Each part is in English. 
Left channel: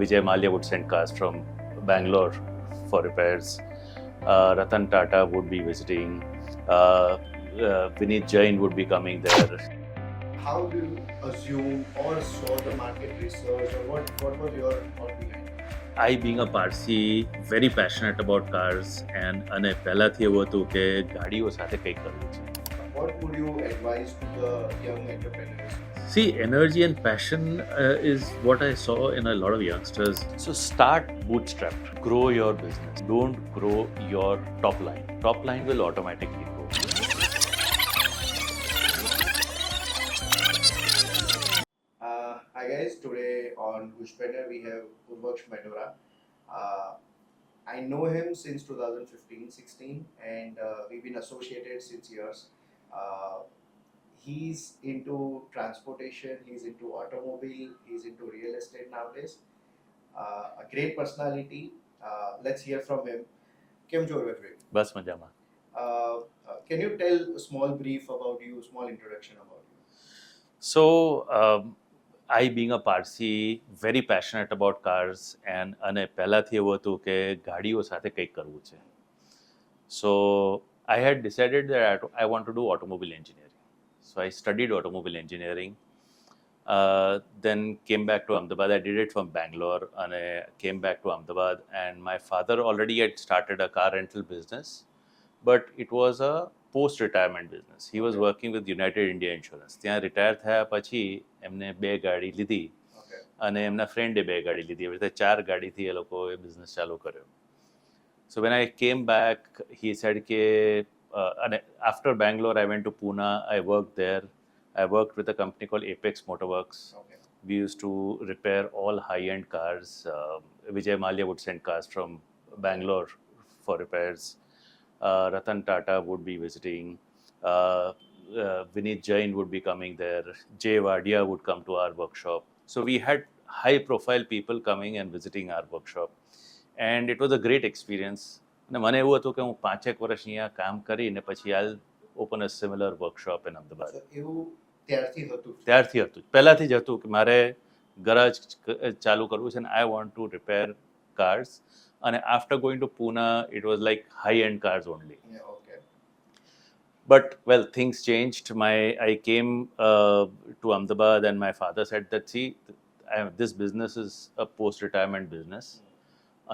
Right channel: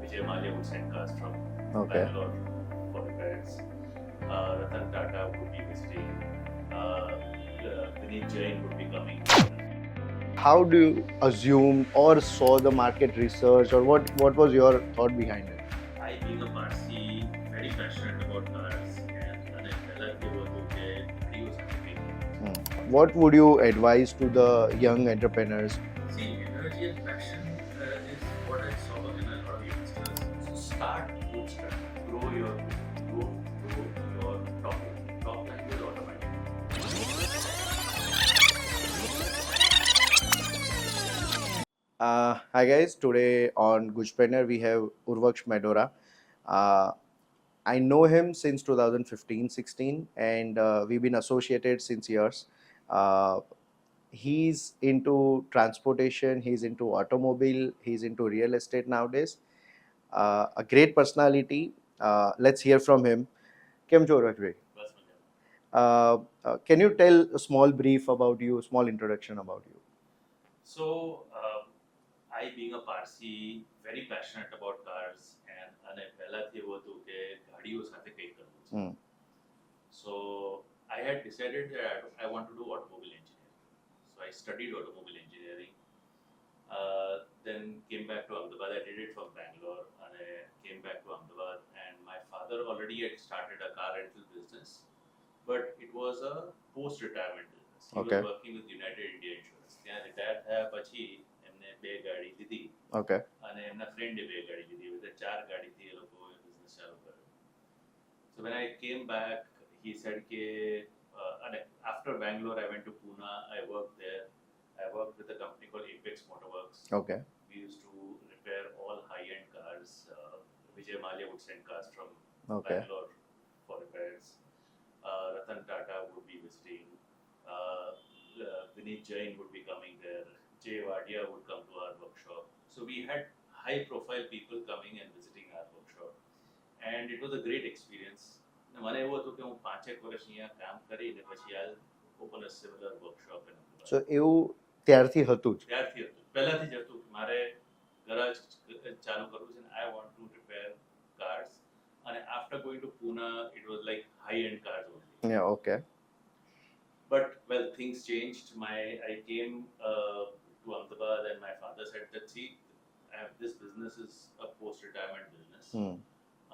Vijay Mallya would send cars from Bangalore for repairs. Ratan Tata would be visiting. Vineet Jain would be coming there. How do you assume or saw the market research, or what was your thought behind it? I, being a Parsi, very passionate about cars, અને પહેલાથી એવું હતું કે ગાડીઓ સાથે કંઈક કરવું છે. What would you advise to the young entrepreneurs? See, energy and passion is what I saw in a lot of youngsters. So start bootstrapped. Grow your business. Don't grow your top line. Top line will automatically grow. Hi guys, today on Gujpreneur we have Oorvaksh Medora. I know him since 2015-16 and we've been associated since years. He's into transportation, he's into automobile, he's into real estate nowadays. A great personality. Let's hear from him. Kem cho Oorvaksh? બસ મજામાં. Can you tell a small brief about you, small introduction about you? So, I, being a Parsi, very passionate about cars, અને પહેલાથી એવું હતું કે ગાડીઓ સાથે કંઈક કરવું છે. So, I had decided that I want to do automobile engineering. So, I studied automobile engineering. Then came back to Ahmedabad. I did it from Bangalore and I came back to Ahmedabad. And my father already had started a car rental business, but it was a post-retirement business. He was working with United India Insurance. ત્યાં retire થયા પછી એમને 2 ગાડી લીધી અને એમના ફ્રેન્ડે 2 ગાડી લીધી. એવી રીતે 4 ગાડીથી એ લોકોએ બિઝનેસ ચાલુ કર્યો. So when I came back, he said કે અને after Bangalore, I went to Pune. I worked there. I worked with a company called Apex Motorworks. We used to repair all high-end cars. Vijay Mallya would send cars from Bangalore for repairs. Ratan Tata would be visiting. Vineet Jain would be coming there. Jay Wadia would come to our workshop. So we had high-profile people coming and visiting our workshop. And it was a great experience. અને મને એવું હતું કે હું 5 વર્ષ અહીંયા કામ કરીને પછી I'll open a similar workshop in Ahmedabad. So એવું ત્યારથી હતું? ત્યારથી હતું. પહેલાથી જ હતું કે મારે ગરાજ ચાલુ કરવું છે and I want to repair cars. And after going to Pune, it was like high-end cars only. Yeah, okay. But, well, things changed. I came to Ahmedabad and my father said that, see, this business is a post-retirement business.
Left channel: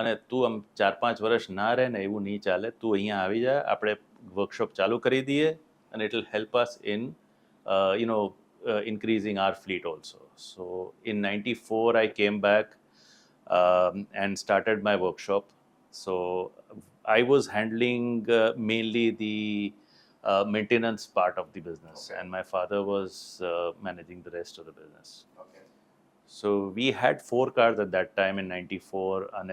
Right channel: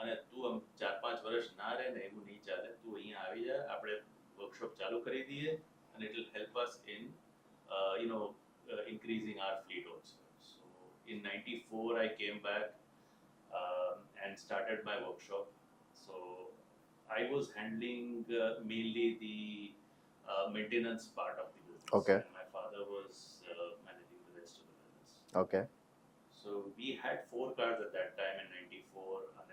અને તું આમ 4-5 વર્ષ ના રહે ને એવું નહીં ચાલે. તું અહીંયા આવી જા, આપણે વર્કશોપ ચાલુ કરી દઈએ and it will help us in, increasing our fleet also. So, in 94, I came back and started my workshop. So I was handling mainly the maintenance part of the business, and my father was managing the rest of the business. So we had 4 cars at that time in 94, and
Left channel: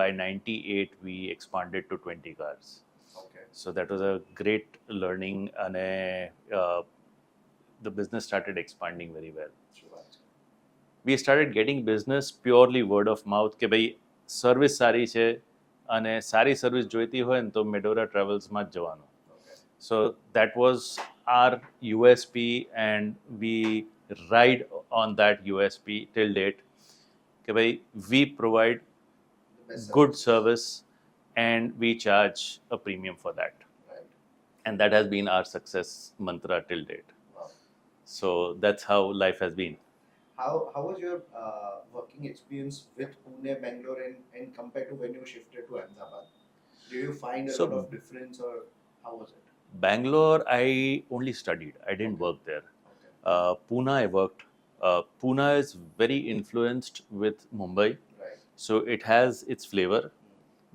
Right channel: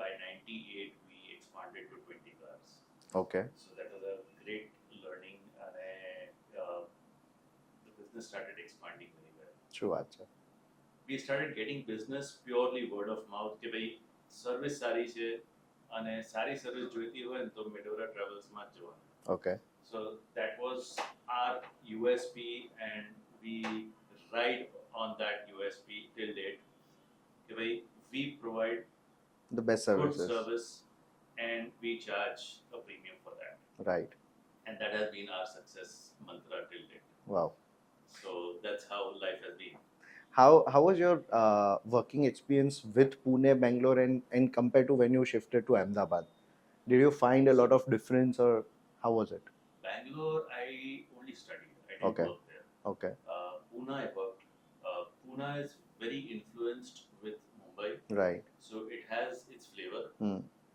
by 98 we expanded to 20 cars. So that was a great learning, and the business started expanding very well. True. We started getting business purely word of mouth કે ભાઈ service સારી છે અને સારી service જોઈતી હોય ને તો Medora Travels માં જ જવાનું. So that was our USP and we ride on that USP till date કે ભાઈ we provide the best good service and we charge a premium for that. Right. And that has been our success mantra till date. Wow. So that's how life has been. How was your working experience with Pune, Bangalore, and compared to when you shifted to Ahmedabad? Did you find a lot of difference, or how was it? Bangalore, I only studied. I didn't work there. Pune, I worked. Pune is very influenced with Mumbai. Right. So it has its flavor,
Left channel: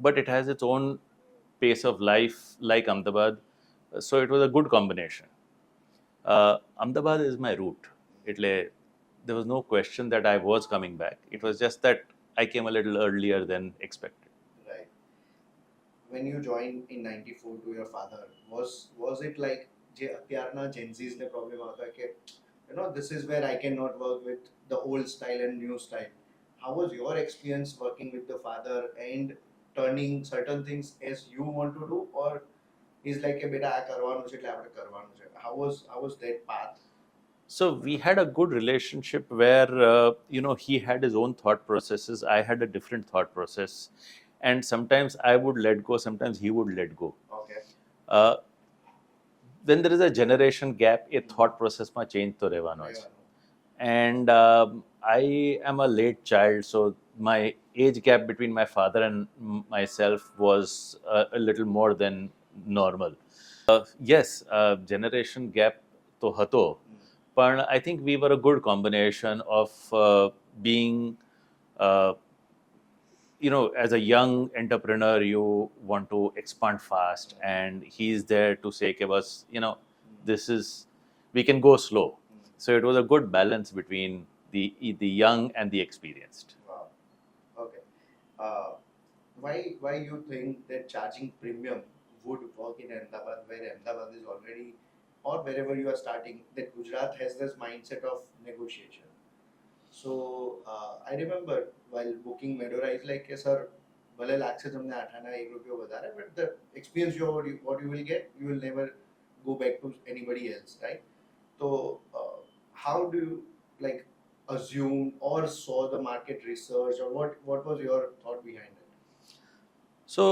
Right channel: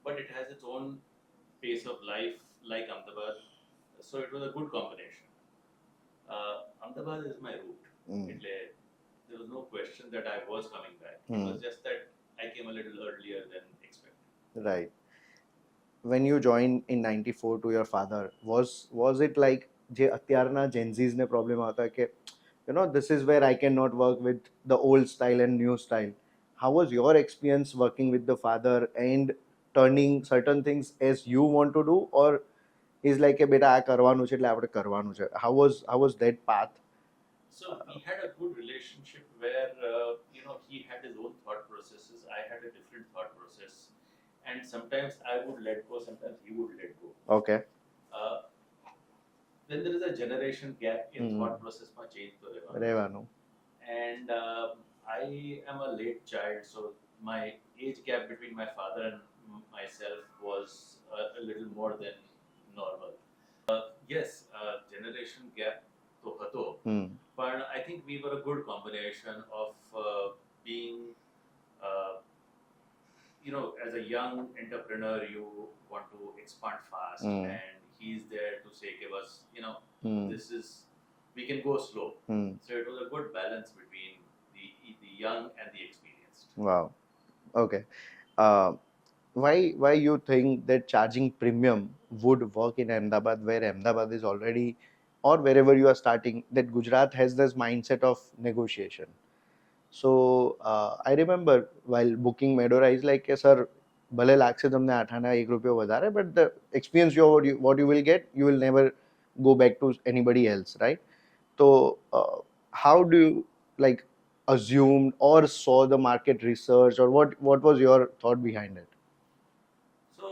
but it has its own pace of life like Ahmedabad. So it was a good combination. Ahmedabad is my route. There was no question that I was coming back. It was just that I came a little earlier than expected. Right. When you joined in 94 to your father, was it like જે અત્યારના Gen Z's ને problem આવતા કે this is where I cannot work with the old style and new style? How was your experience working with the father and turning certain things as you want to do, or is like કે બેટા આ કરવાનું છે એટલે આપણે કરવાનું છે? How was that path? So we had a good relationship where he had his own thought processes. I had a different thought process, and sometimes I would let go. Sometimes he would let go. Okay. Uh, when there is a generation gap, a Hmm. thought process માં change તો રહેવાનો છે. રહેવાનું. And I am a late child, so my age gap between my father and myself was a little more than normal. Yes, generation gap તો હતો, Hmm. પણ I think we were a good combination of being uh, as a young entrepreneur, you want to expand fast, Hmm. and he's there to say, "Okay, boss, Hmm. this is we can go slow." Hmm. So it was a good balance between the young and the experienced. Wow. Okay. Uh, why you think that charging premium would work in Ahmedabad, where Ahmedabad is already, or wherever you are starting, that Gujarat has this mindset of negotiation. So I remember while booking Medora, is like, sir, ભલે લાગશે તમને 8 આના 1 રૂપિયો વધારે, but the experience what you will get, you will never go back to anybody else, right? So how do you like assumed or saw the market research, or what was your thought behind it? So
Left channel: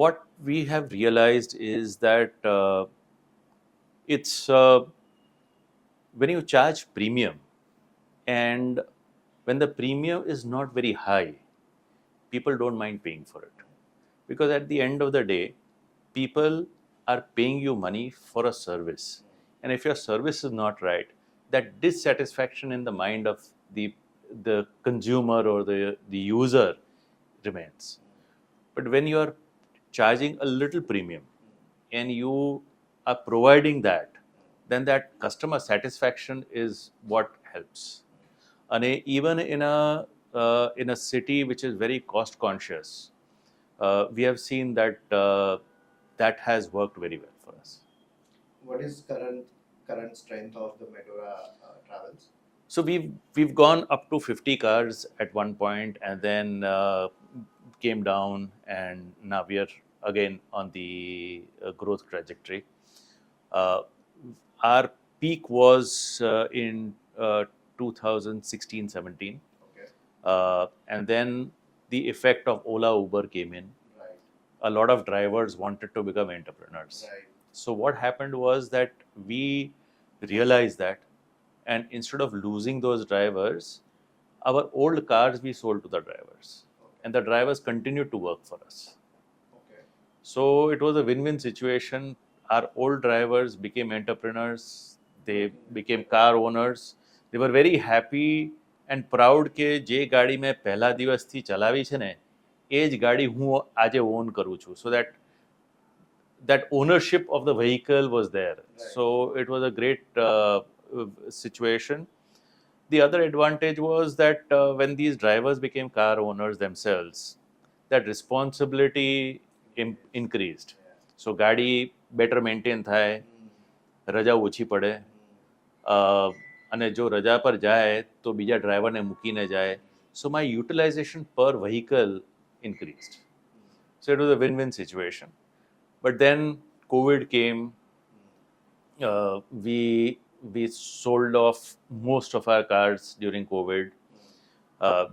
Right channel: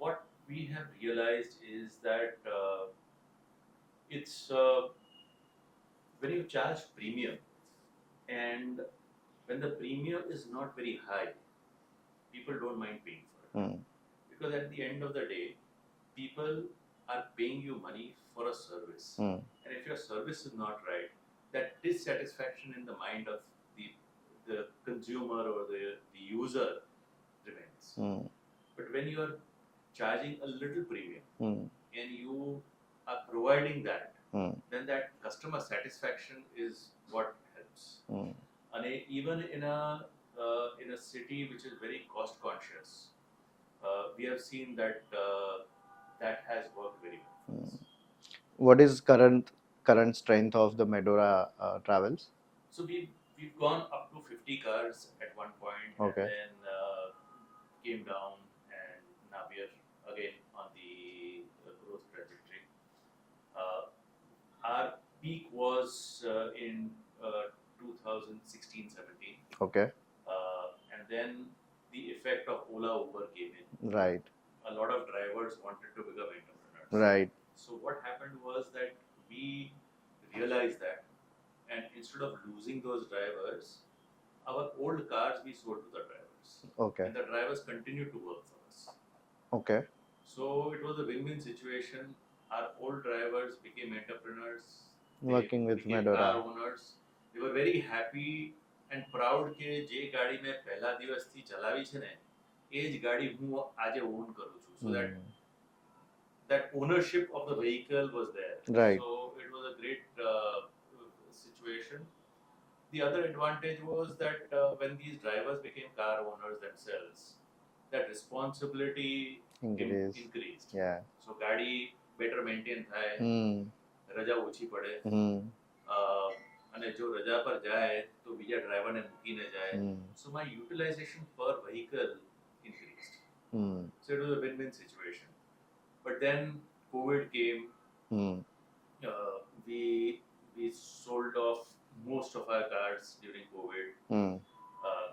what we have realized is that it's when you charge premium, and when the premium is not very high, people don't mind paying for it. Hmm. Because at the end of the day, people are paying you money for a service. Hmm. And if your service is not right, that dissatisfaction in the mind of the consumer or the user remains. Hmm. But when you are charging a little premium Hmm. and you are providing that, Hmm. then that customer satisfaction is what helps. Hmm. And even in a city which is very cost conscious, we have seen that that has worked very well for Hmm. us. What is current strength of the Medora Travels? So we've gone up to 50 cars at one point, and Okay. then came down, and now we are again on the growth trajectory. Uh, our peak was in 2016-17, Okay. and then the effect of Ola Uber came in. Right. A lot of drivers wanted to become entrepreneurs. Right. So what happened was that we realized that, and instead of losing those drivers, our old cars we sold to the drivers, Okay. and the drivers continued to work for us. Okay. So it was a win-win situation. Our old drivers became entrepreneurs. They Working with became Medora. car owners. They were very happy and proud કે જે ગાડી મેં પહેલા દિવસથી ચલાવી છે ને, એ જ ગાડી હું આજે ઓન કરું છું. So that ownership of the vehicle was there. Right. So it was a great situation. The other advantage was that when these drivers became car owners themselves, that responsibility increased. Yeah. So ગાડી better maintain થાય, Hmm. રજા ઓછી પડે, Hmm. અને જો રજા પર જાય તો બીજા ડ્રાઈવરને મૂકીને જાય. Hmm. So my utilization per vehicle increased. Hmm. So it was a win-win situation. But then COVID came. Hmm. We sold off most of our cars during COVID Hmm.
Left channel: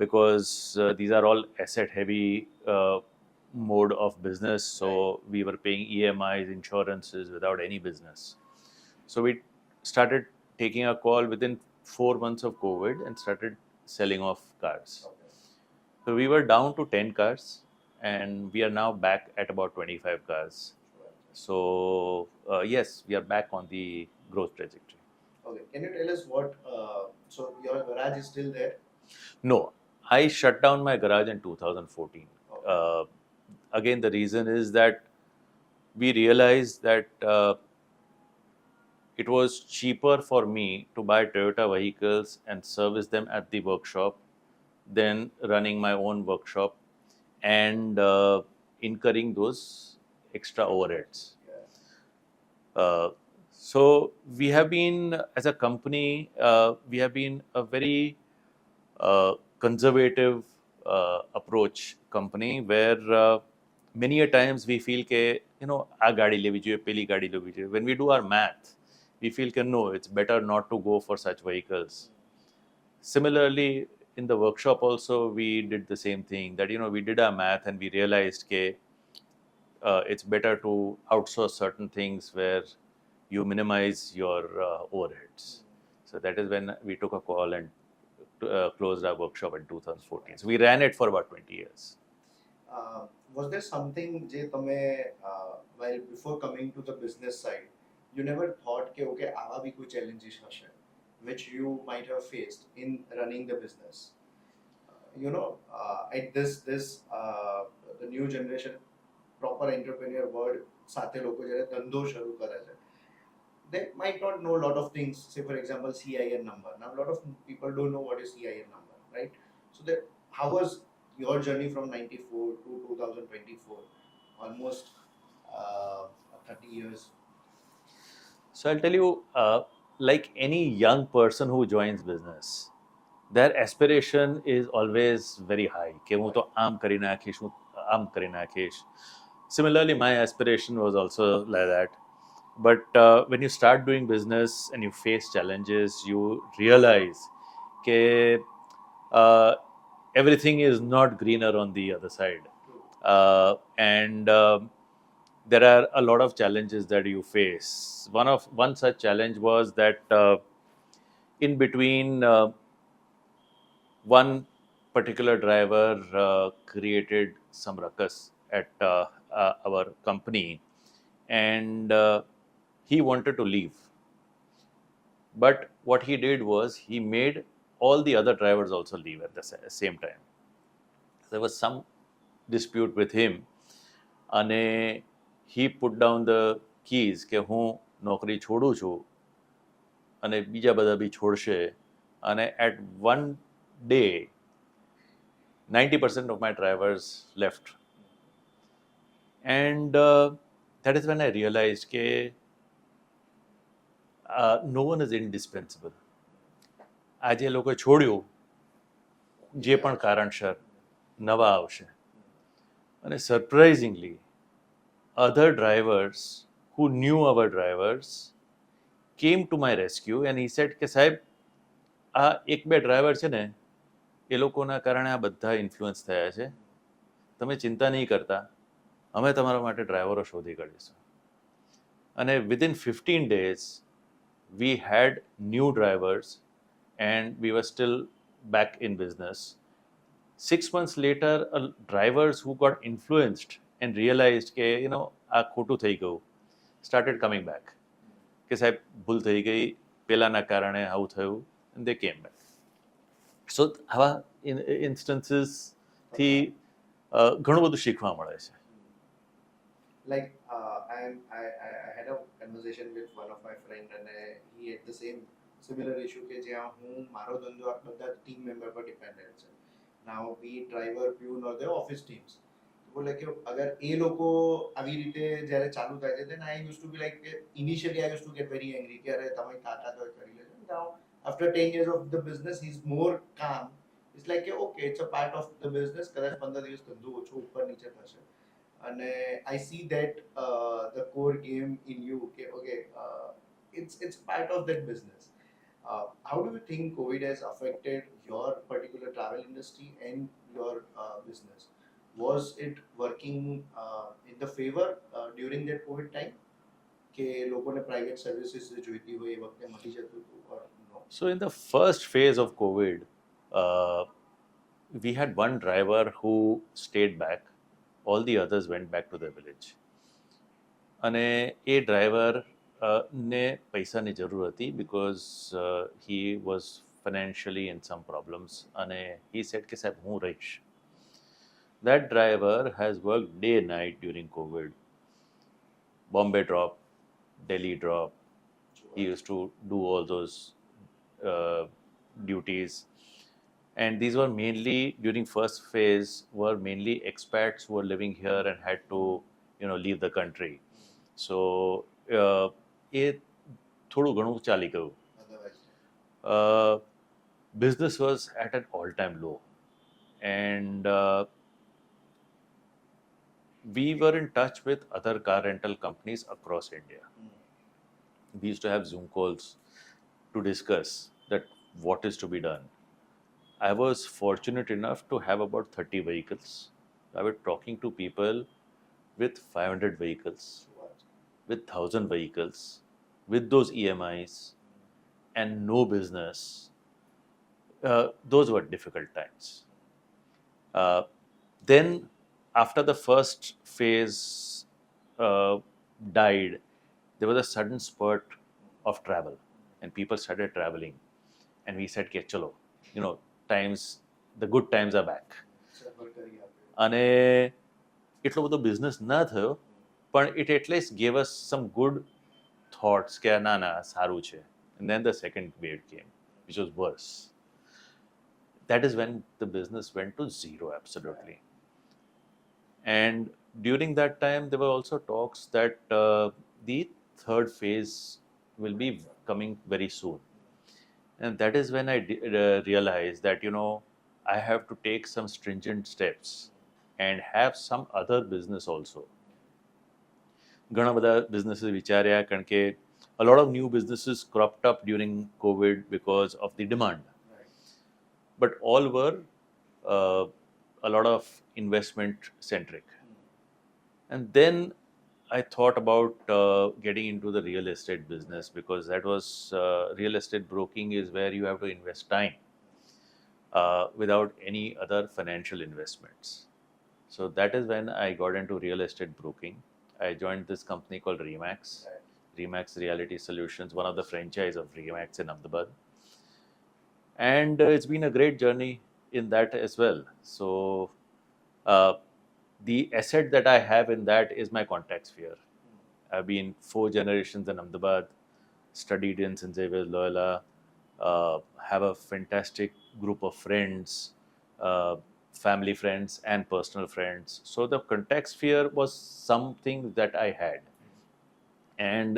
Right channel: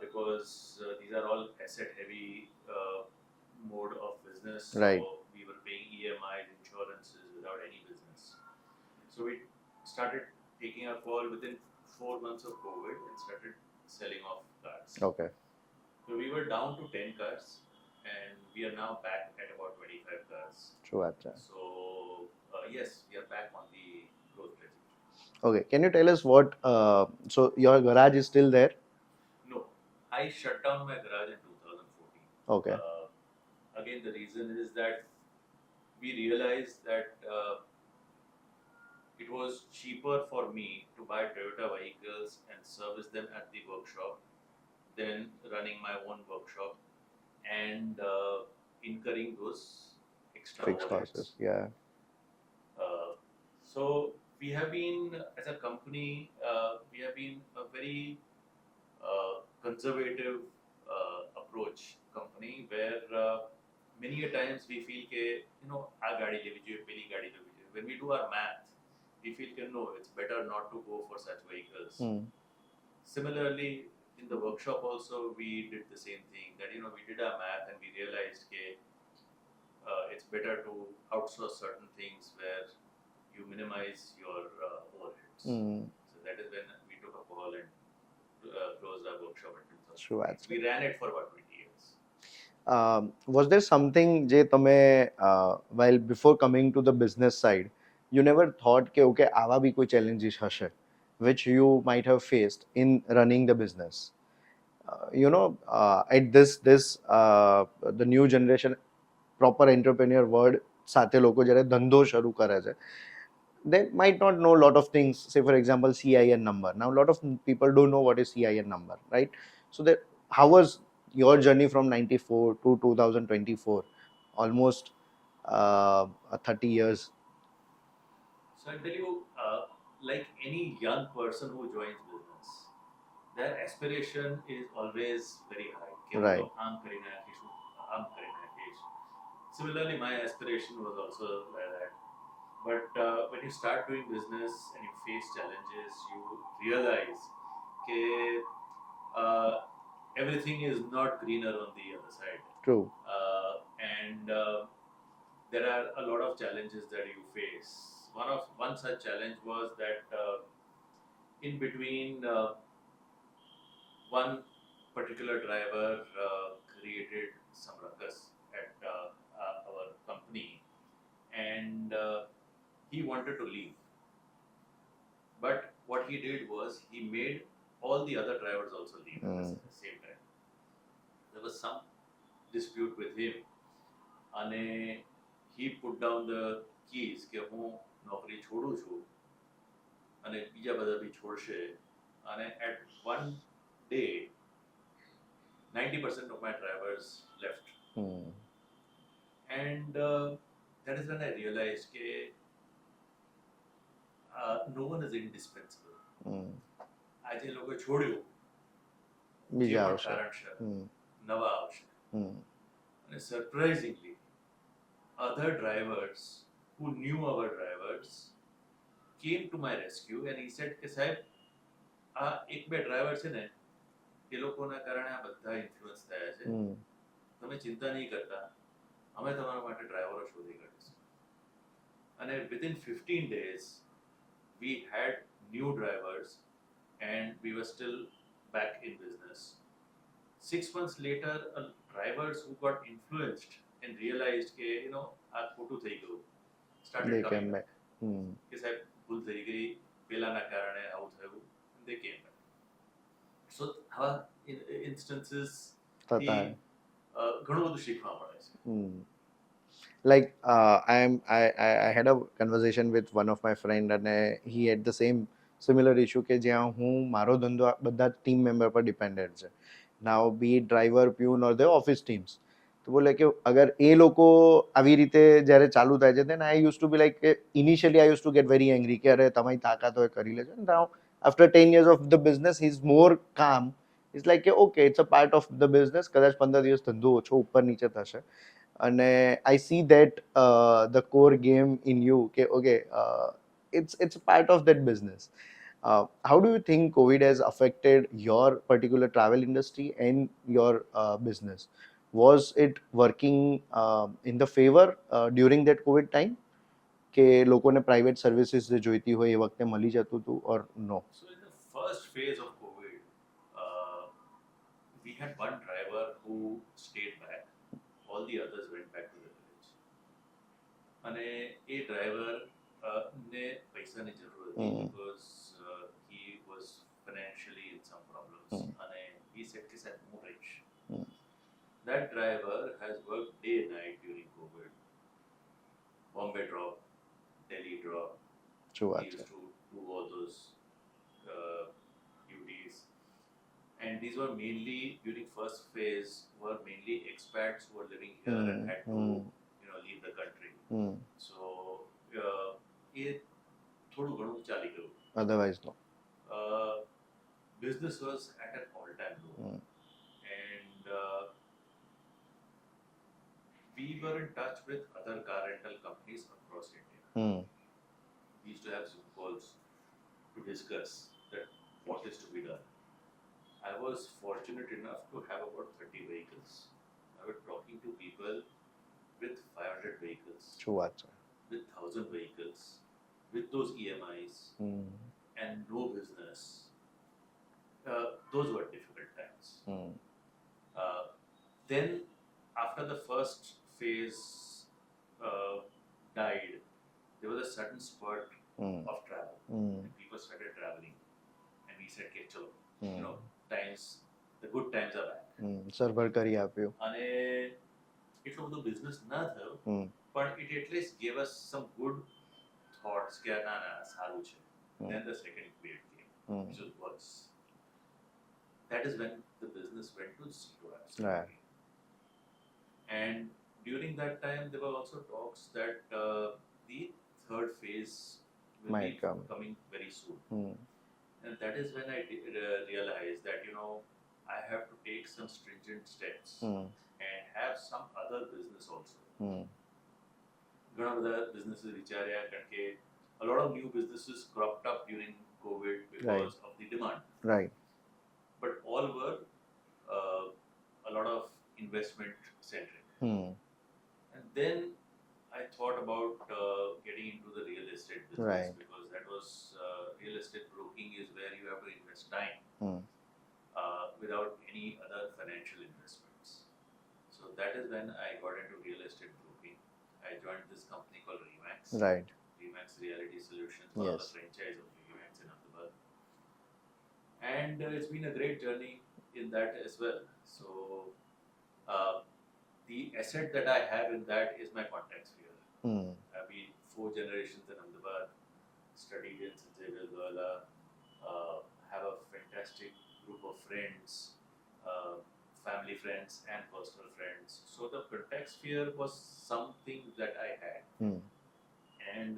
because these are all asset-heavy mode of business. So Right. we were paying EMIs, insurances without any business. So we started taking a call within 4 months of COVID and started selling off cars. Okay. So we were down to 10 cars, and we are now back at about 25 cars. True. Acha. So yes, we are back on the growth trajectory. Okay. Can you tell us what? So your garage is still there? No, I shut down my garage in 2014. Okay. Again, the reason is that we realized that it was cheaper for me to buy Toyota vehicles and service them at the workshop than running my own workshop and incurring those extra Fixed overheads. losses. Yeah. So we have been, as a company, we have been a very conservative approach company, where many a times we feel કે આ ગાડી લેવી જોઈએ, પેલી ગાડી લેવી જોઈએ. When we do our math, we feel can no, it's better not to go for such vehicles. Hmm. Similarly, in the workshop also, we did the same thing that, we did our math and we realized that it's better to outsource certain things where you minimize your overheads. Hmm. So that is when we took a call and closed our workshop in True, 2014. So actually. we ran it for about 20 years. Was there something જે તમે while before coming to the business side you never thought કે okay આવા બી કોઈ challenges હશે which you might have faced in running the business? At this the new generation proper entrepreneur word સાથે લોકો જ્યારે ધંધો શરૂ કરે છે they might not know a lot of things, say for example CIN number. Now a lot of people don't know what is CIN number, right? So that how was your journey from 94 to 2024, almost 30 years? So I'll tell you, like any young person who joins business, their aspiration is always very high. कि वो तो Right. आम करी नाखीश, वो आम करी नाखीश. Similarly, my aspiration was also like that. But when you start doing business and you face challenges, you realize that everything is not greener on the other side. True. And there are a lot of challenges that you face. One such challenge was that in between one particular driver created some ruckus at our company, and he wanted to leave. But what he did was he made all the other drivers also leave at the same time. There was some dispute with him, and he put down the keys કે હું નોકરી છોડું છું અને બીજા બધા બી છોડશે. અને at one day 90% of my drivers left. And that is when I realized that no one is indispensable. આજે એ લોકોએ છોડ્યું, જે પણ કારણસર નવા આવશે. અને surprisingly other drivers who knew our drivers came to my rescue and he said કે સાહેબ આ એક બે ડ્રાઈવર છે ને એ લોકોના કારણે આ બધા ઇન્ફ્લુઅન્સ થયા છે, તમે ચિંતા નહીં કરતા, અમે તમારા માટે ડ્રાઈવરો શોધી કાઢીશું. અને within 15 days we had new drivers and we were still back in business. 6 months later, drivers who got influenced and realized કે આ ખોટું થઈ ગયું started coming back. કે સાહેબ ભૂલ થઈ ગઈ, પેલાના કારણે આવું થયું, and they came back. So આવા instances થી ઘણું બધું શીખવા મળે છે. Like I had a conversation with one of my friend and he had the similar issue કે જ્યાં હું મારો ધંધો બધા ટીમ મેમ્બર પર ડિપેન્ડેન્ટ છે. Now be it driver, pune or the office teams. તો બોલે કે અગર એ લોકો આવી રીતે જ્યારે ચાલુ થાય છે then I used to be like initially I used to get very angry કે અરે તમારી તાકાત હોય કરી લેજો. Now after 10 years of the business he's more calm. It's like okay, it's a part of the business. કદાચ 15 દિવસ ધંધો ઓછો ઉપર નીચે થશે અને I see that the core game in you કે okay, it's a part of that business. How do you think COVID has affected your particular travel industry and your business? Was it working in the favor during that COVID time? કે લોકોને private services જે જોઈતી હોય એ વખતે મળી જતું હતું or no? So in the first phase of COVID, we had one driver who stayed back. All the others went back to their village. અને એ ડ્રાઈવર ને પૈસાની જરૂર હતી because he was financially in some problems. અને he said કે સાહેબ હું રહીશ. That driver has worked day and night during COVID. Bombay drop, Delhi drop. He used to do all those duties. And these were mainly, during first phase, were mainly expats who were living here and had to, leave the country. So, એ થોડું ઘણું ચાલી ગયું. Otherwise no. Business was at an all-time low. And we were in touch with other car rental companies across India. we used to have Zoom calls to discuss that what is to be done. I was fortunate enough to have about 30 vehicles. I was talking to people with 500 vehicles, શું વાત છે. with 1,000 vehicles, with those EMIs and no business. Those were difficult times. Uh, then, after the first phase uh, died, there was a sudden spurt of travel, and people started traveling. And we said, "Okay, chalo, you know, times, the good times are back." Server કરી આપ્યું. અને એટલો બધો business ના થયો, પણ it at least gave us some good thoughts કે ના ના સારું છે. And then the second wave came, which was worse. That is when the business went to zero, absolutely. And during that time, there were also talks that the third phase will Might be come. coming very soon. And that is when I realized that, you know, I have to take some stringent steps and have some other business also. ઘણા બધા businesses વિચાર્યા કારણ કે a lot of new businesses cropped up during COVID because of the demand. Right. But all were a lot of investment centric. And then I thought about getting into the real estate business, Right. because that was real estate broking is where you have to invest time without any other financial investments. So that is when I got into real estate broking. I joined this company called Remax. Right. Remax Reality Solutions, one of the Yes. franchise of Remax in Ahmedabad. And it's been a great journey in that as well. So the asset that I have in that is my contact sphere. I've been 4 generations in Ahmedabad, studied in St. Xavier's Loyola, have a fantastic group of friends, family friends and personal friends. So the contact sphere was something that I had. And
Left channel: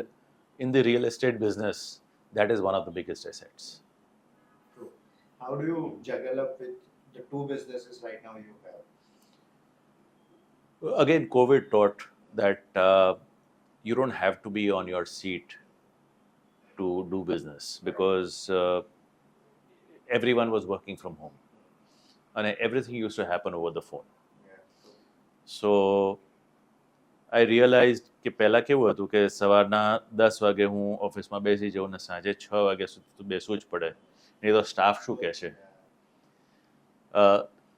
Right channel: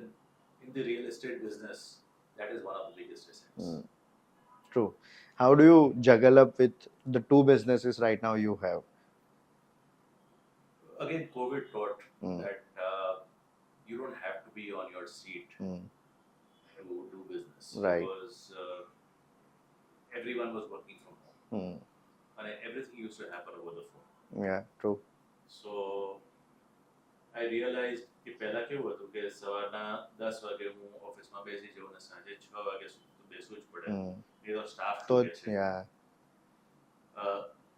in the real estate business, that is one of the biggest assets. True. How do you juggle up with the two businesses right now you have? Again, COVID taught that you don't have to be on your seat to do business, Right. because everyone was working from home and everything used to happen over the phone. Yeah, true. So I realized કે પહેલા કેવું હતું કે સવારના 10 વાગે હું ઓફિસમાં બેસી જાઉં ને સાંજે 6 વાગ્યા સુધી તો બેસવું જ પડે, નહીં તો સ્ટાફ શું So, કહેશે. yeah.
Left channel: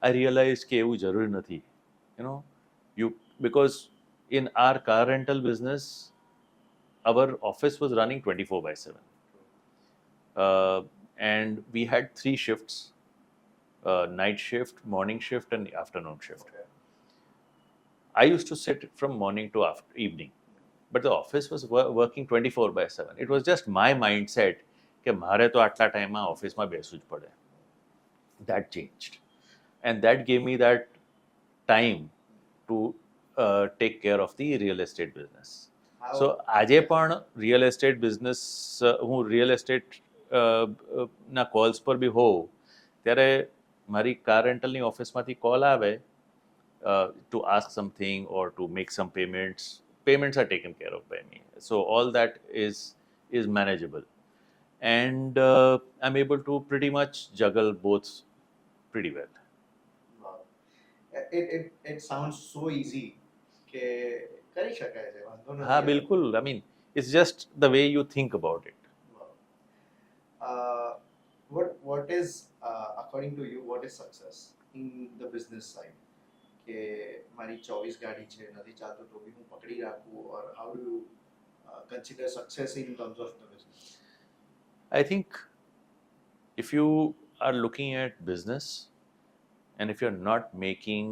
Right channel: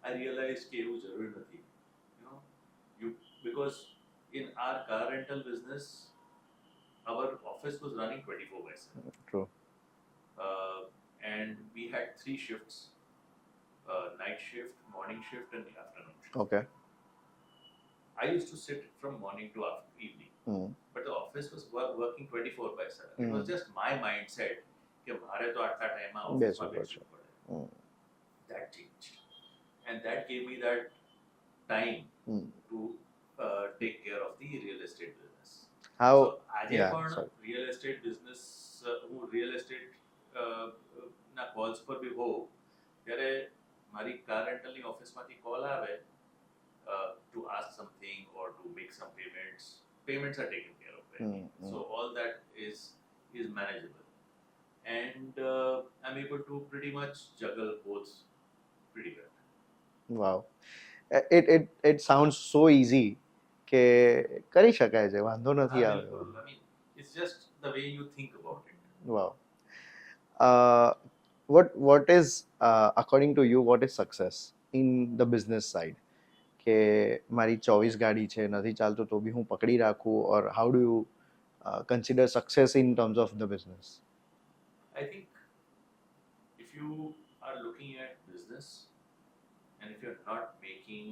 I realized કે એવું જરૂરી નથી, you know, because in our car rental business, our office was running 24/7. True. And we had 3 shifts, night shift, morning shift and afternoon shift. Okay. I used to sit from morning to evening, but the office was working 24/7. It was just my mindset કે મારે તો આટલા ટાઈમમાં ઓફિસમાં બેસવું જ પડે. That changed, and that gave me that time to take care of the real estate business. How? So આજે Yeah, પણ sorry. real estate business, હું real estate ના calls પર બી હોઉં ત્યારે મારી કાર રેન્ટલની ઓફિસમાંથી કોલ આવે to ask something or to make some payments. Payments are taken care of by me. So all that is manageable. And I'm able to pretty much juggle both pretty well. Wow. It sounds so easy કે કરી શકાય છે, વાંધો હા નથી. બિલકુલ. I mean, it's just the way you think about it. Wow. What is according to you, what is success in the business side? કે મારી 24 ગાડી છે, નથી ચાલતું તો બી હું પકડી રાખું, or how do you consider success in terms of the business? I think if you are looking at business and if you're not making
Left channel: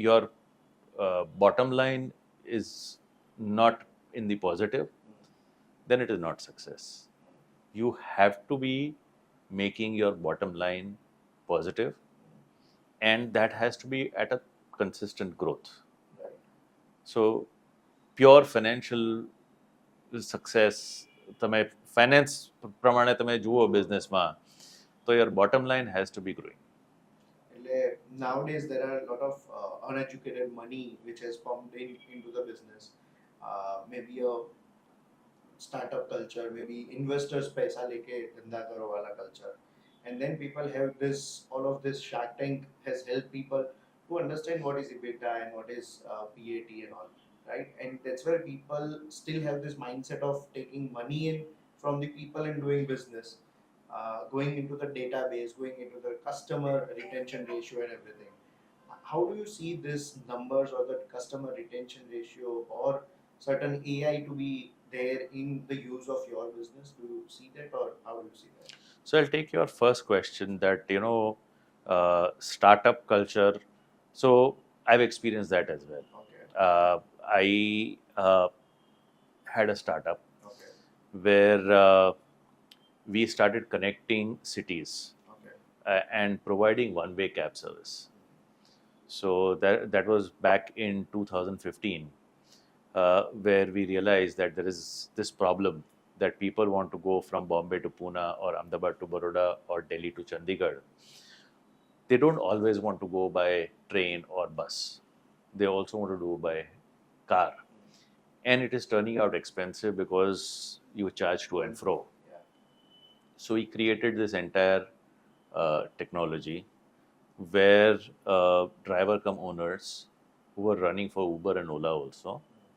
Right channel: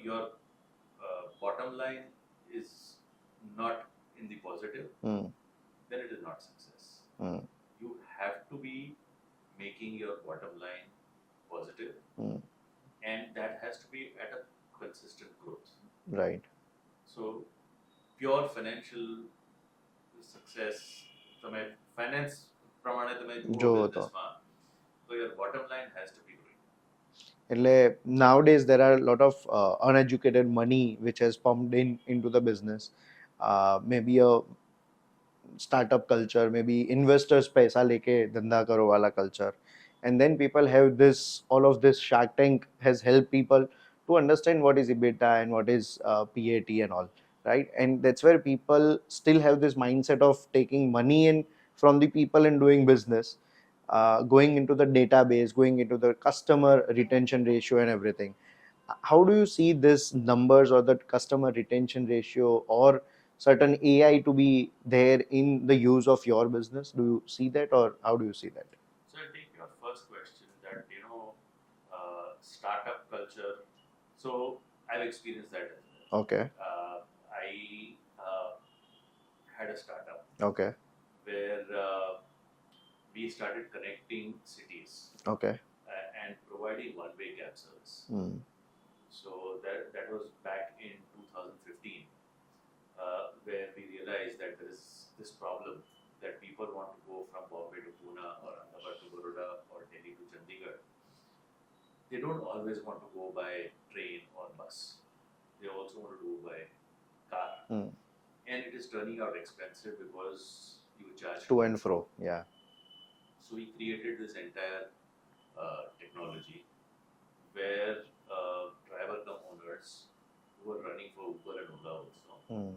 your bottom line is not in the positive, then it is not success. You have to be making your bottom line positive, and that has to be at a consistent growth. Right. So pure financial success, તમે finance પ્રમાણે તમે જુઓ જુઓ તો. બિઝનેસમાં, તો your bottom line has to be growing. એટલે nowadays there are a lot of uneducated money which has pumped into the business. Maybe a startup culture, maybe investors paisa leke dhanda karo wala culture, and then people have this, all of this Shark Tank has helped people to understand what is EBITDA and what is PAT and all, right? And that's where people still have this mindset of taking money in from the people and doing business, going into the database, going into the customer retention ratio and everything. How do you see this numbers or the customer retention ratio or certain AI to be there in the use of your business? Do you see that, or how do you see that? So I'll take your first question that, startup culture. So I've experienced that as well. Okay. I had a startup Okay. where we started connecting cities Okay. and providing one-way cab service. Hmm. So that was back in 2015, where we realized that there is this problem that people want to go from Bombay to Pune or Ahmedabad to Baroda or Delhi to Chandigarh. They don't always want to go by train or bus. They also want to do by car. Hmm. And it is turning out expensive because you charge To and fro. Yeah. So we created this entire technology where driver come owners who were running for Uber and Ola also Hmm.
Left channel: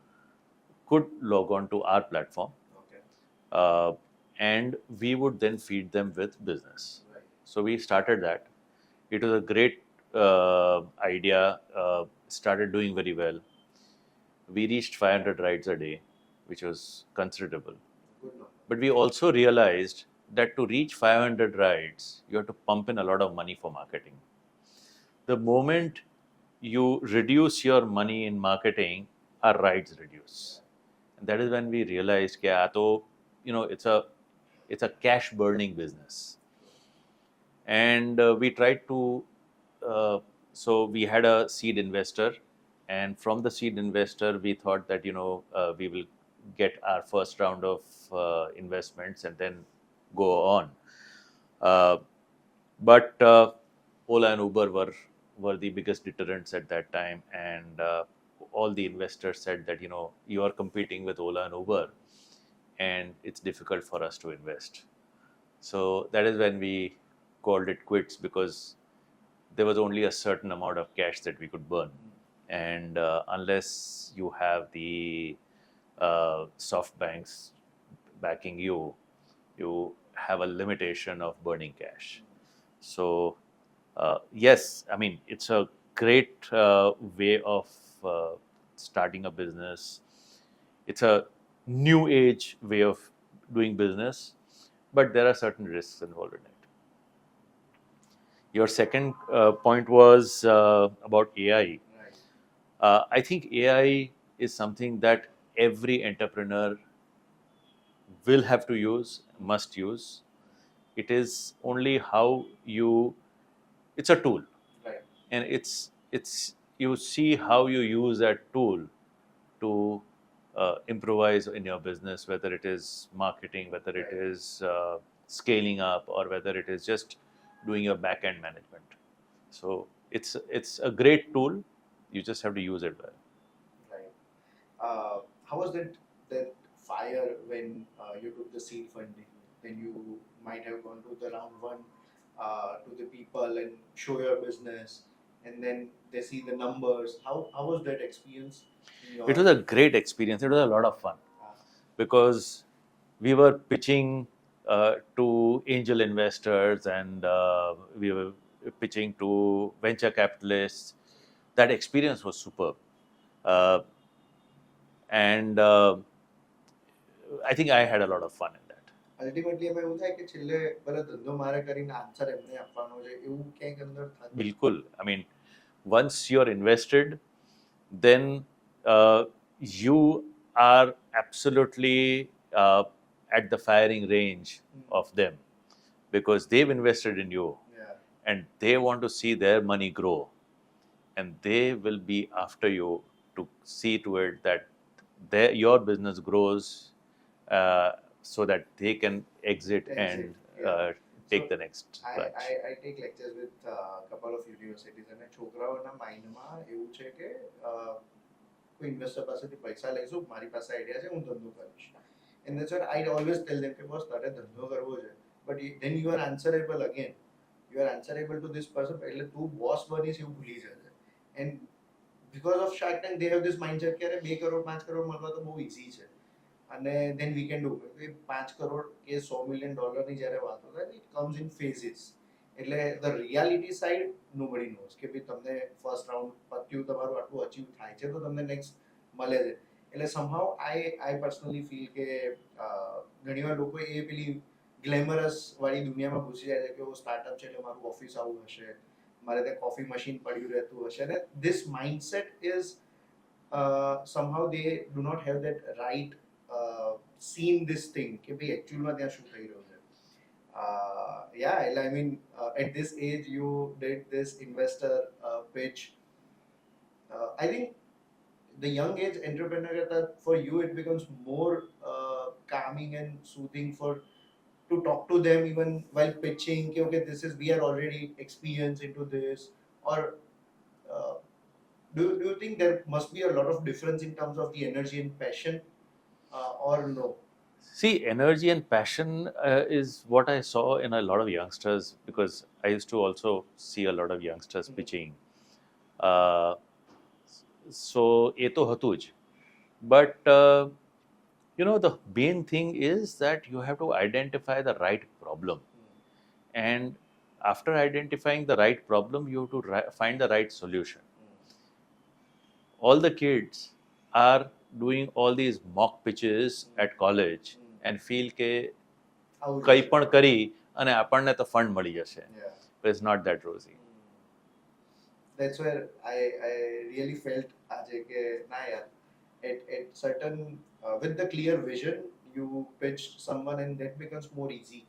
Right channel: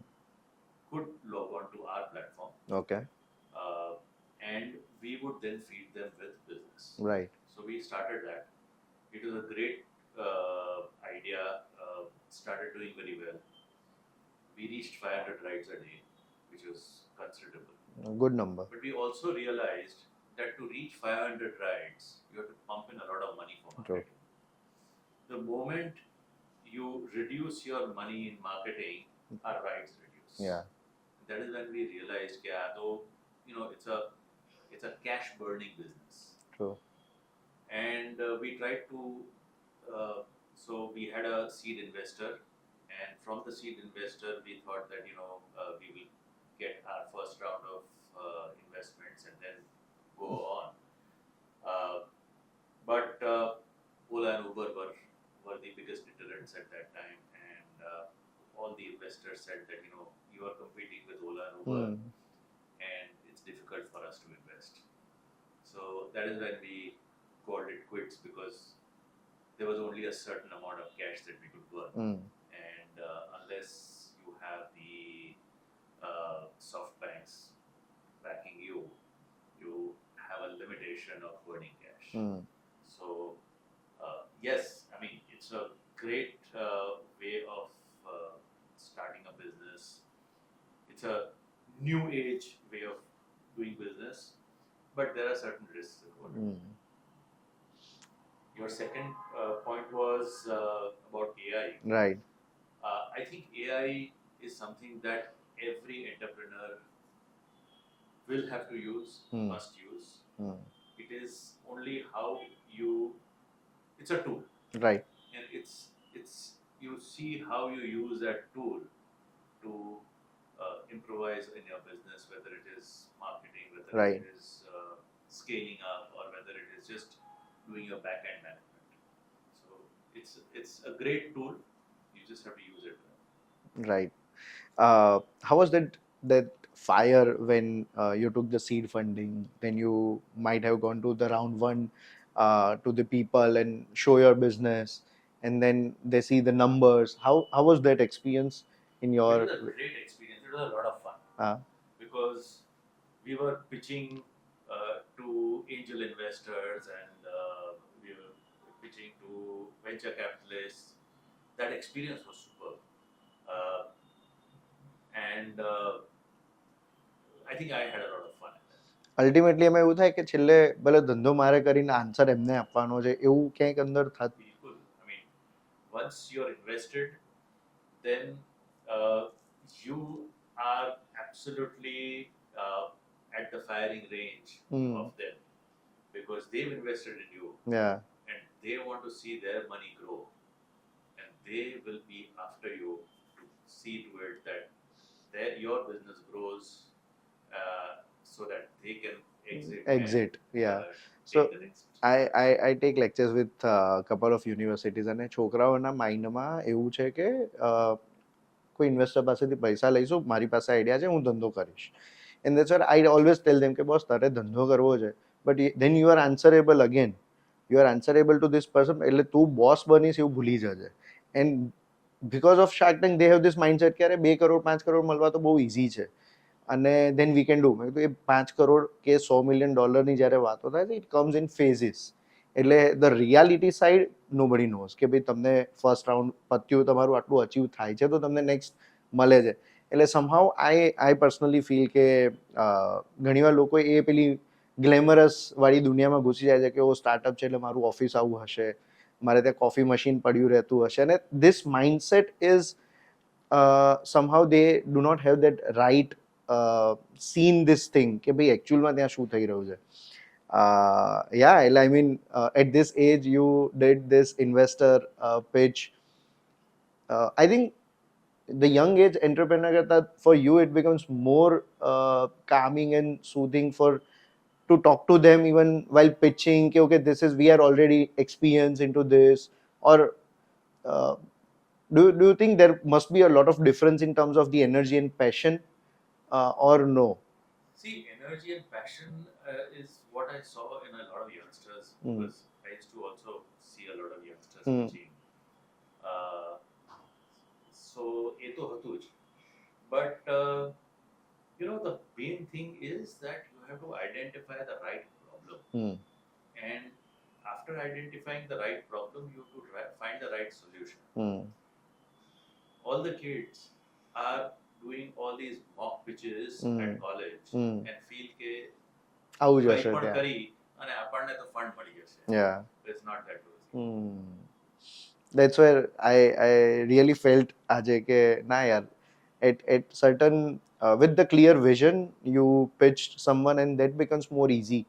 could log on to our platform, Okay. uh, and we would then feed them with business. Right. So we started that. It was a great idea. Started doing very well. We reached 500 rides a day, which was considerable. A good number. But we also realized that to reach 500 rides, you have to pump in a lot of money for marketing. The moment you reduce your money in marketing, our rides reduce. Yeah. And that is when we realized, yeah, to, it's a cash burning business. True. And we tried to, so we had a seed investor, and from the seed investor, we thought that we will get our first round of investments and then go on. Uh, but Ola and Uber were the biggest deterrents at that time, and all the investors said that you are competing with Ola and Uber, Hmm. and it's difficult for us to invest. So that is when we called it quits, because there was only a certain amount of cash that we could burn, Hmm. and unless you have the soft banks backing you, you have a limitation of burning cash. Hmm. So yes, I mean, it's a great way of starting a business. It's a new age way of doing business, but there are certain risks involved in it. Hmm. Your second point was about AI. Right. I think AI is something that every entrepreneur will have to use, Hmm. must use. Hmm. It is only how it's a tool, Right. and it's you see how you use that tool to improvise in your business, whether it is marketing, whether it Right. is scaling up, or whether it is just doing your back end management. So it's a great tool. You just have to use it well. Right. How was that fire when you took the seed funding? Then you might have gone to the round one, to the people and show your business, and then they see the numbers. How was that experience in It was your? a great experience. It was a lot of fun Uh, because we were pitching to angel investors, and we were pitching to venture capitalists. That experience was superb. Uh, and I think I had a lot of fun in that. Ultimately એમાં એવું થાય કે છેલ્લે ભલે ધંધો મારે કરીને answer એમને આપવાનો છે એવું ક્યાંક અંદર થતું. Bilkul. I mean, once you're invested, then you are absolutely at the firing range of them, because they've invested in you Yeah. and they want to see their money grow, and they will be after you to see to it that your business grows, so that they can exit Exit. and Yeah. take So the next I, branch. I take lectures with a couple of universities, અને છોકરાઓના માઇન્ડમાં એવું છે કે કોઈ investor પાસેથી પૈસા લઈશું, મારી પાસે આઈડિયા છે, હું ધંધો કરીશ. And that's what I always tell them કે બોસ તારે ધંધો કરવો છે, but then you are answerable again, you are answerable to this person, એટલે તું બોસ બનીશ એવું ભૂલી જજે. And because of Shark Tank they have this mindset કે અરે 2 કરોડ 5 કરોડ મળવા તો બહુ ઇઝી છે અને ધેન વી કેન ડુ. મેં કીધું એ 5 કરોડ કે $100 million જ્યારે વાતો થાય છે, ઇટ કમ્સ ઇન ફેઝિસ. એટલે the reality side nobody knows કે ભાઈ તમને ફર્સ્ટ રાઉન્ડ પત્યું, તમારું આટલું અચીવ થાય છે તો તમને નેક્સ્ટ મળે છે. એટલે સમહાઉ આઈ પર્સનલી ફીલ કે ઘણીવાર લોકો એ પેલી ગ્લેમરસ વાળી દુનિયામાં ઘૂસી જાય છે કે ઓ સ્ટાર્ટઅપ છે એટલે મારું ઓફિસ આવું હશે, મારે ત્યાં કોફી મશીન પડ્યું રહેતું હશે, અને this mindset is somehow they do not have that right seen this thing કે ભાઈ એકચ્યુઅલમાં ત્યાં શું થઈ રહ્યું છે. Yeah, I mean, at this age you did this investor pitch. I think the young age entrepreneur karta, for you it becomes more calming and soothing for to talk to them even while pitching कि okay this is we are already experienced into this, or uh, do you think there must be a lot of difference in terms of the energy and passion, or no? See, energy and passion is what I saw in a lot of youngsters, because I used to also see a lot of youngsters pitching. So એ તો હતું જ, but you know, the main thing is that you have to identify the right problem, and after identifying the right problem you have to find the right solution. All the kids are doing all these mock pitches at college and feel કે આવું જ કંઈ હશે, પણ yeah. કરી અને આપણને તો ફંડ મળી જશે. Yeah. But it's not that rosy. That's where I really felt આજે કે ના યાર, at certain with the clear vision you pitched someone and that becomes more easy.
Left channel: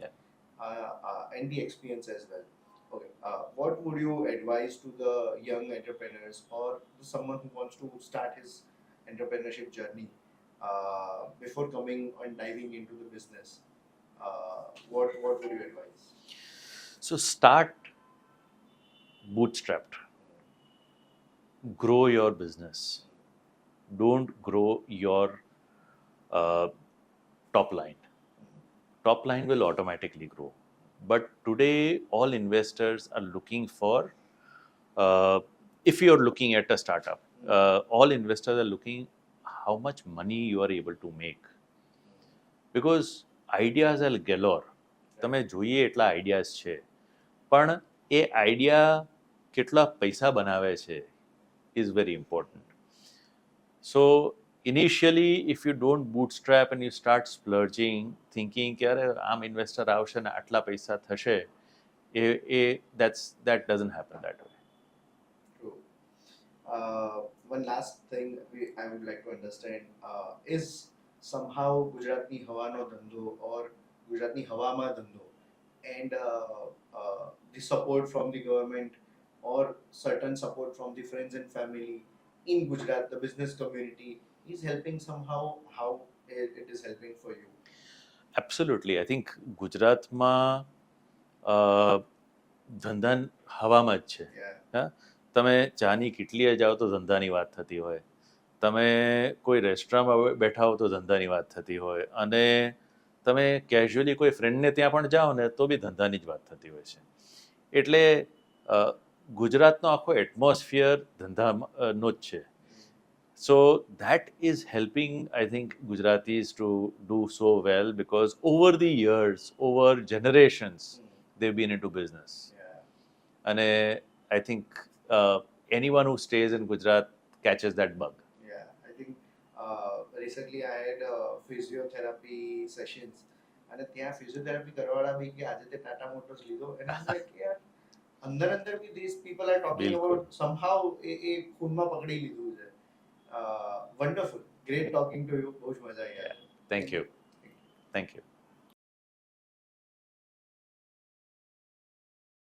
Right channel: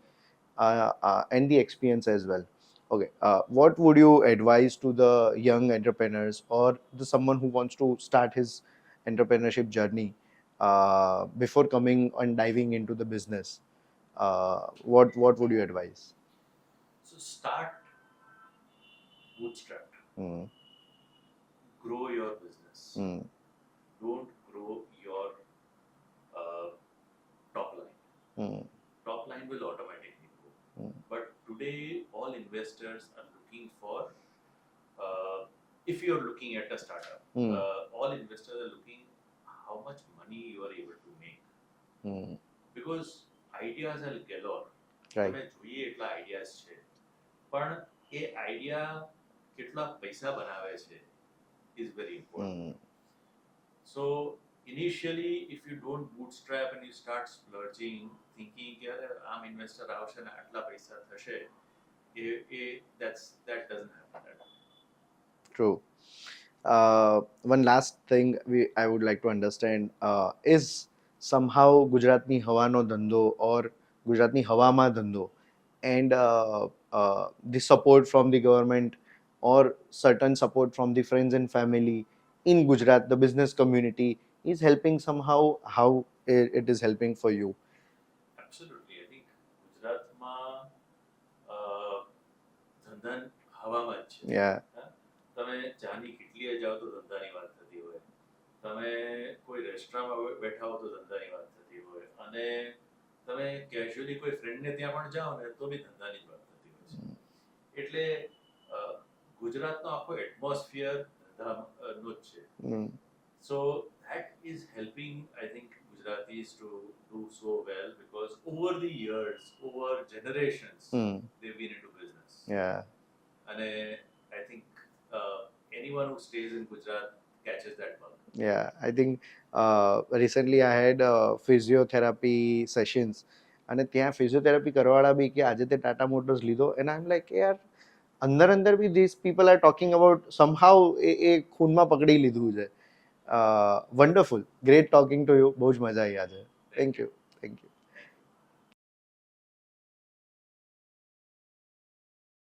And the experience as well. Okay, what would you advise to the young entrepreneurs or the someone who wants to start his entrepreneurship journey before coming and diving into the business? What would you advise? So start bootstrapped. Grow your business. Don't grow your top line. Top line will automatically grow. But today all investors are looking for, if you're looking at a startup, all investors are looking how much money you are able to make. Because ideas are galore. તમે જોઈએ એટલા ideas છે, પણ એ idea કેટલા પૈસા બનાવે છે is very important. So initially if you don't bootstrap and you start splurging thinking કે અરે આમ ઇન્વેસ્ટર આવશે ને આટલા પૈસા થશે, that doesn't happen that way. True. One last thing I would like to understand is somehow ગુજરાતની હવાનો ધંધો or ગુજરાતની હવામાં ધંધો and the support from the government or certain support from the friends and family in Gujarat, the business community is helping somehow, how it is helping for you? Absolutely. I think ગુજરાતમાં ધંધા હવામાં જ છે. Yeah. તમે ચાની કિટલીએ જાઓ તો ધંધાની વાત થતી હોય, તમે કોઈ રેસ્ટોરન્ટમાં બેઠા હો તો ધંધાની વાત થતી હોય, અને તમે કેઝ્યુઅલી કોઈ ફ્રેન્ડને ત્યાં પણ જાઓ ને તો બી ધંધાની જ વાત થતી હોય છે. એટલે ગુજરાતનો આખો એટમોસ્ફિયર ધંધાનો જ છે. So that is helping, I think, Gujaratis to do so well, because over the years, over generations, they've been into business. Yeah. And I think anyone who stays in Gujarat catches that bug. Yeah, I think recently I had physiotherapy sessions, અને ત્યાં physiotherapy કરવાવાળા બી કે આજે તે Tata motors લીધો, and I'm like યાર અંદર બી these people are talking about somehow એ ખૂનમાં પકડી લીધું છે. Wonderful, great talking to you, બહુ જ મજા આવી આજે. Thank you. Thank you. Thank you.